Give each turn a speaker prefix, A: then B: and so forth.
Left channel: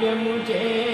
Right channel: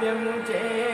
A: జాప్యము చేయుట నేల